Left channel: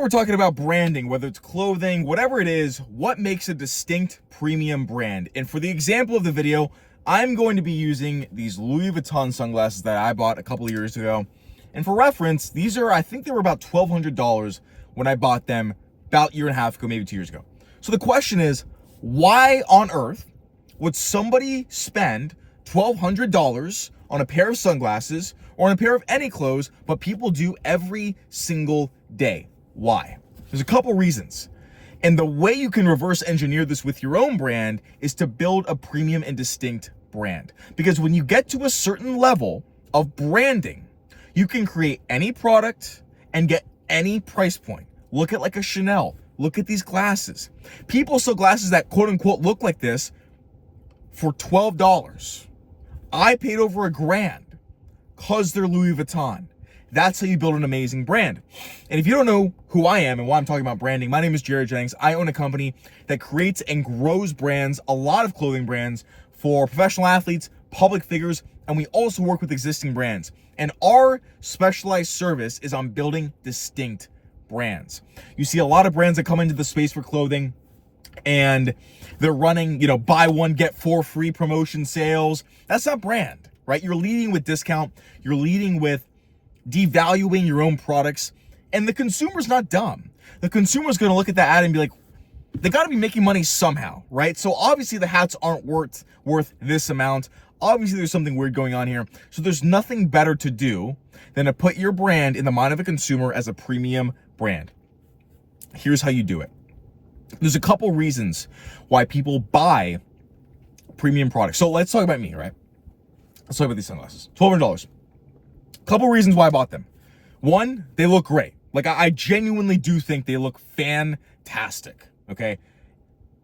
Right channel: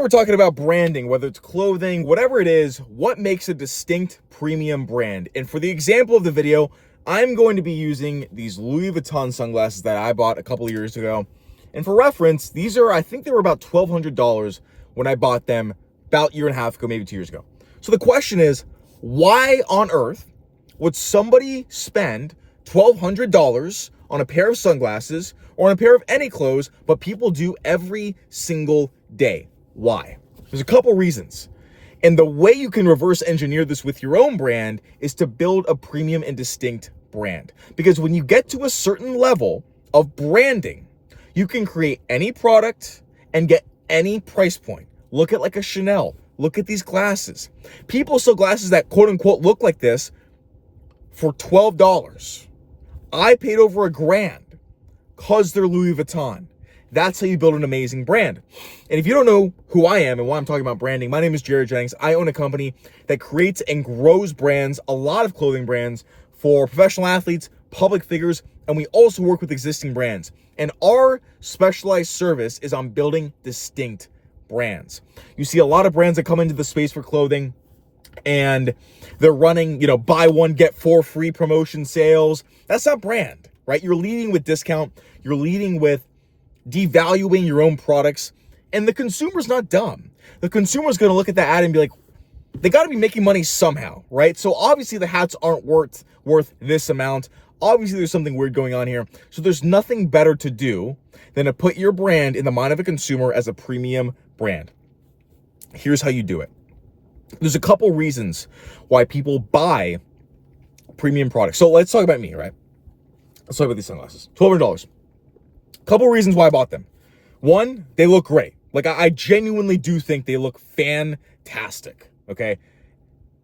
We're talking about branding, whether it's clothing, whatever it is, what makes a distinct premium brand. And for the example of the video, I'm going to be using these Louis Vuitton sunglasses that I bought a couple of years ago. And for reference, these are, I think they were about $1,200 when I bought them about a year and a half ago, maybe 2 years ago. So the question is, why on earth would somebody spend $1,200 on a pair of sunglasses or on a pair of any clothes, but people do every single day? Why? There's a couple reasons. And the way you can reverse engineer this with your own brand is to build a premium and distinct brand. Because when you get to a certain level of branding, you can create any product and get any price point. Look at like a Chanel. Look at these glasses. People sell glasses that quote unquote look like this for $12. I paid over $1,000 because they're Louis Vuitton. That's how you build an amazing brand. And if you don't know who I am and why I'm talking about branding, my name is Jennings. I own a company that creates and grows brands, a lot of clothing brands for professional athletes, public figures, and we also work with existing brands. And our specialized service is on building distinct brands. You see a lot of brands that come into the space for clothing and they're running, buy one, get four free promotion sales. That's not brand, right? You're leading with discount. You're leading with devaluing your own products, and the consumer's not dumb. The consumer's going to look at that ad and be like, they got to be making money somehow, right? So obviously the hats aren't worth this amount. Obviously there's something weird going on here. So there's nothing better to do than to put your brand in the mind of a consumer as a premium brand. Here's how you do it. There's a couple reasons why people buy premium products. So let's talk about me, right? Let's talk about these sunglasses. $1,200. Couple reasons why I bought them. One, they look great. Like I genuinely do think they look fantastic. Okay.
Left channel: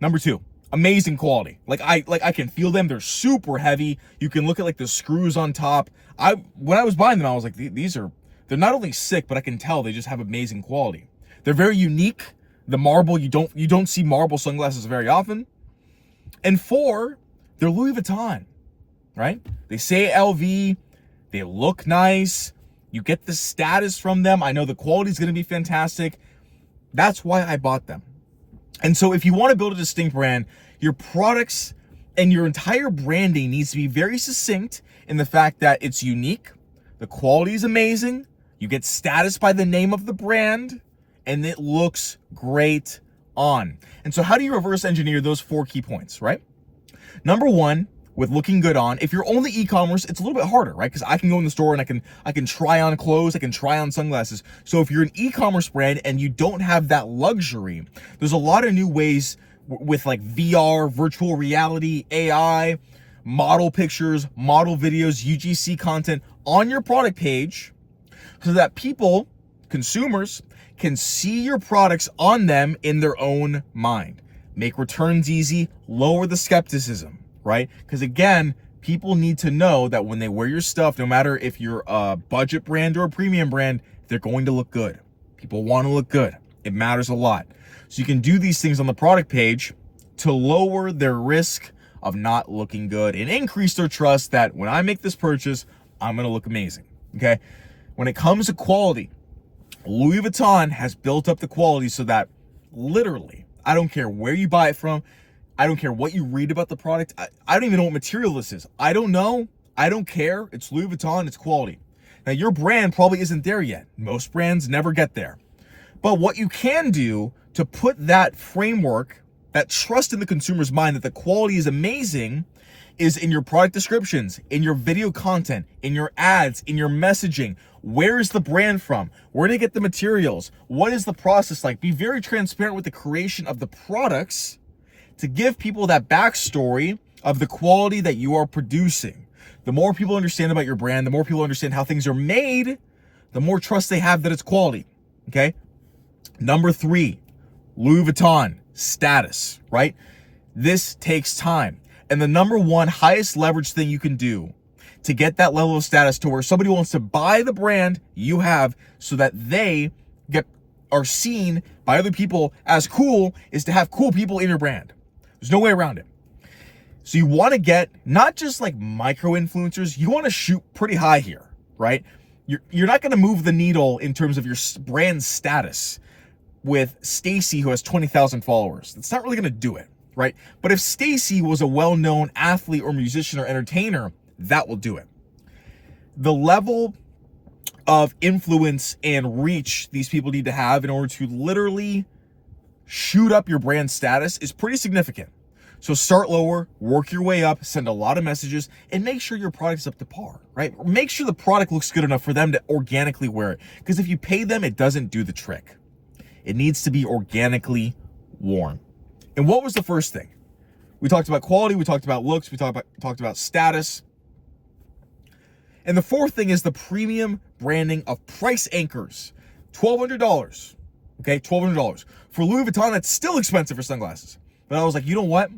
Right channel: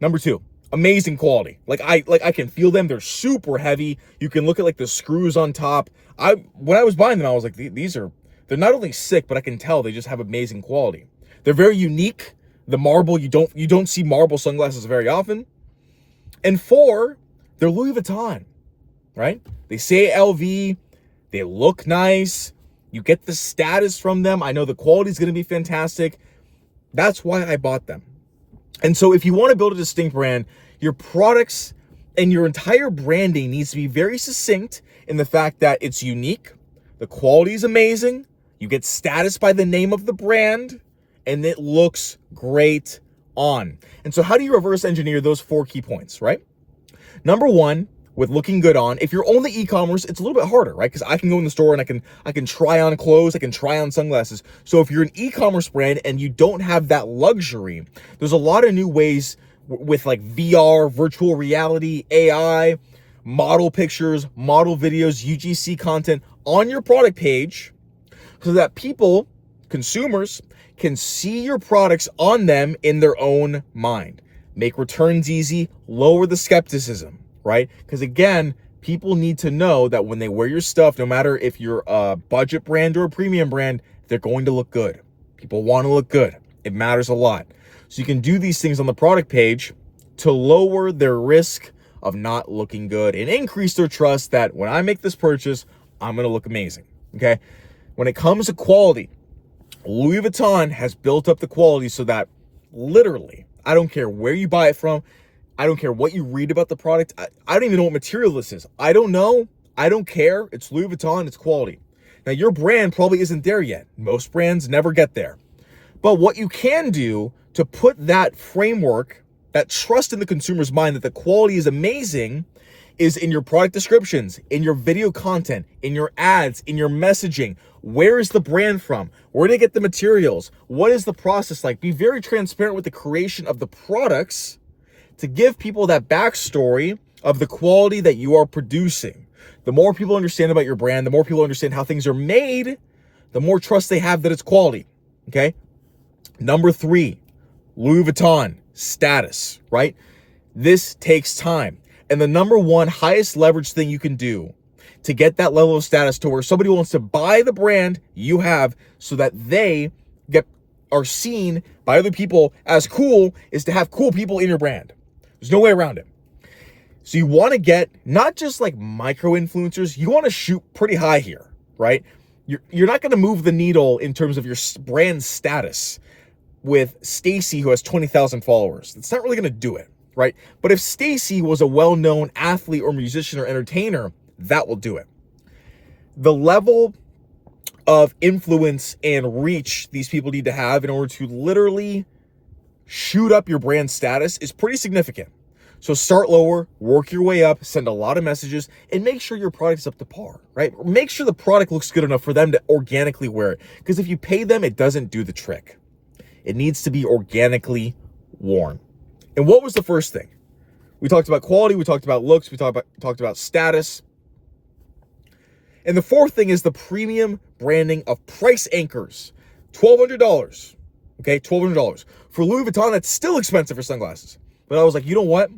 Number two, amazing quality. Like I can feel them. They're super heavy. You can look at like the screws on top. When I was buying them, I was like, they're not only sick, but I can tell they just have amazing quality. They're very unique. The marble, you don't see marble sunglasses very often. And four, they're Louis Vuitton, right? They say LV. They look nice. You get the status from them. I know the quality is going to be fantastic. That's why I bought them. And so if you want to build a distinct brand, your products and your entire branding needs to be very succinct in the fact that it's unique. The quality is amazing. You get status by the name of the brand and it looks great on. And so how do you reverse engineer those 4 key points, right? Number one, with looking good on, if you're only e-commerce, it's a little bit harder, right? Because I can go in the store and I can try on clothes, I can try on sunglasses. So if you're an e-commerce brand and you don't have that luxury, there's a lot of new ways with like VR, virtual reality, AI, model pictures, model videos, UGC content on your product page so that people, consumers, can see your products on them in their own mind. Make returns easy, lower the skepticism. Right? Because again, people need to know that when they wear your stuff, no matter if you're a budget brand or a premium brand, they're going to look good. People want to look good. It matters a lot. So you can do these things on the product page to lower their risk of not looking good and increase their trust that when I make this purchase, I'm going to look amazing. Okay? When it comes to quality, Louis Vuitton has built up the quality so that literally, I don't care where you buy it from, I don't care what you read about the product. I don't even know what material this is. I don't know. I don't care. It's Louis Vuitton. It's quality. Now, your brand probably isn't there yet. Most brands never get there. But what you can do to put that framework, that trust in the consumer's mind that the quality is amazing, is in your product descriptions, in your video content, in your ads, in your messaging. Where is the brand from? Where did they get the materials? What is the process like? Be very transparent with the creation of the products to give people that backstory of the quality that you are producing. The more people understand about your brand, the more people understand how things are made, the more trust they have that it's quality, okay? Number 3, Louis Vuitton, status, right? This takes time. And the number one highest leverage thing you can do to get that level of status to where somebody wants to buy the brand you have so that they are seen by other people as cool is to have cool people in your brand. There's no way around it. So you want to get not just like micro influencers, you want to shoot pretty high here, right? You're not going to move the needle in terms of your brand status. with Stacy, who has 20,000 followers. It's not really going to do it, right? But if Stacy was a well-known athlete or musician or entertainer, that will do it. The level of influence and reach these people need to have in order to literally shoot up your brand status is pretty significant. So start lower, work your way up, send a lot of messages, and make sure your product is up to par, right? Make sure the product looks good enough for them to organically wear it. Because if you pay them, it doesn't do the trick. It needs to be organically worn. And what was the first thing? We talked about quality, we talked about looks, we talked about status. And the fourth thing is the premium branding of price anchors. $1,200, okay? $1,200. For Louis Vuitton, that's still expensive for sunglasses. But I was like, you know what?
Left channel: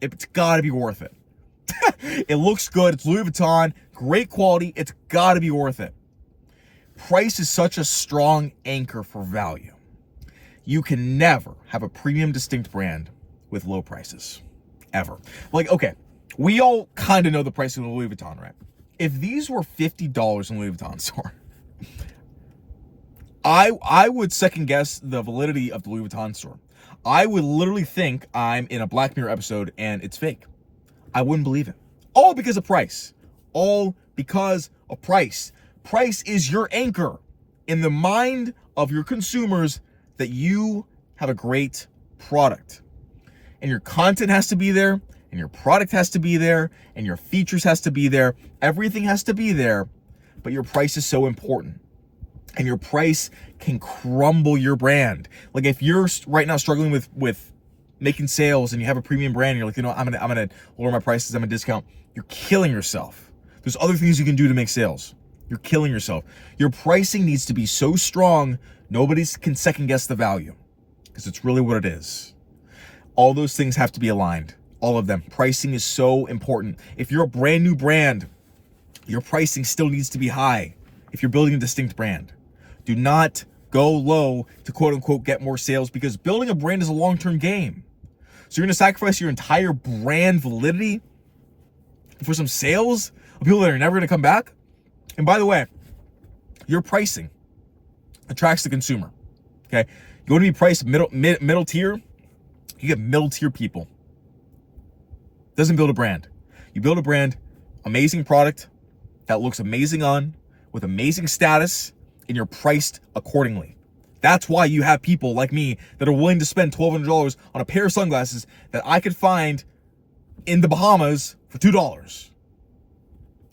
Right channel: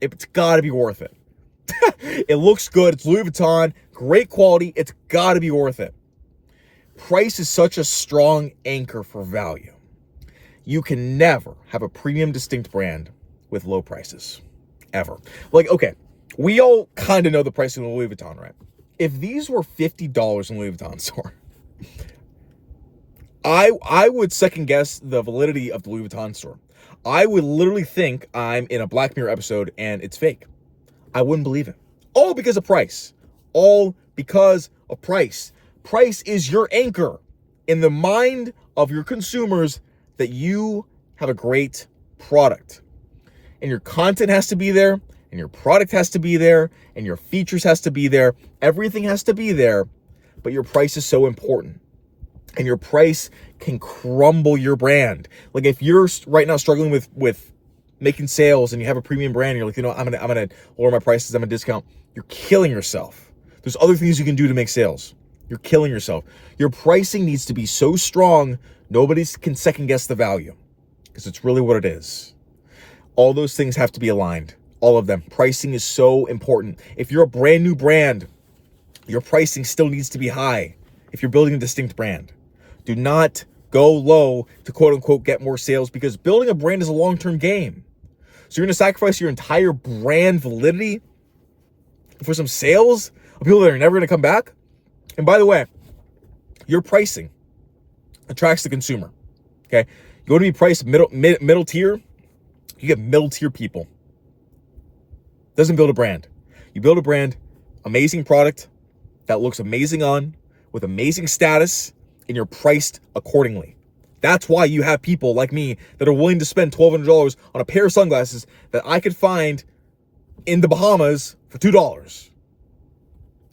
It's gotta be worth it. It looks good, it's Louis Vuitton, great quality, it's gotta be worth it. Price is such a strong anchor for value. You can never have a premium distinct brand with low prices, ever. Like, okay, we all kind of know the price of Louis Vuitton, right? If these were $50 in Louis Vuitton store, I would second guess the validity of the Louis Vuitton store. I would literally think I'm in a Black Mirror episode and it's fake. I wouldn't believe it. All because of price. All because of price. Price is your anchor in the mind of your consumers that you have a great product. And your content has to be there, and your product has to be there, and your features has to be there. Everything has to be there, but your price is so important. And your price can crumble your brand. Like if you're right now struggling with making sales and you have a premium brand, and you're like, you know, I'm gonna lower my prices, I'm gonna discount. You're killing yourself. There's other things you can do to make sales. You're killing yourself. Your pricing needs to be so strong, nobody can second guess the value, because it's really what it is. All those things have to be aligned. All of them. Pricing is so important. If you're a brand new brand, your pricing still needs to be high if you're building a distinct brand. Do not go low to quote unquote get more sales, because building a brand is a long-term game. So you're going to sacrifice your entire brand validity for some sales of people that are never going to come back? And by the way, your pricing attracts the consumer. Okay? You want to be priced middle tier, you get middle tier people. Doesn't build a brand. You build a brand, amazing product that looks amazing on, with amazing status, and you're priced accordingly. That's why you have people like me that are willing to spend $1,200 on a pair of sunglasses that I could find in the Bahamas for $2.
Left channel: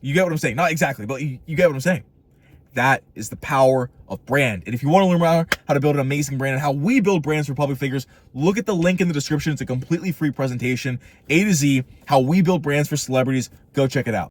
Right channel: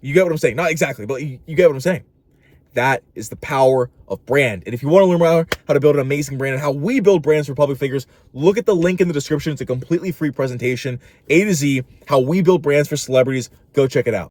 You get what I'm saying? Not exactly, but you get what I'm saying. That is the power of brand. And if you want to learn more how to build an amazing brand and how we build brands for public figures, look at the link in the description. It's a completely free presentation, A to Z, how we build brands for celebrities. Go check it out.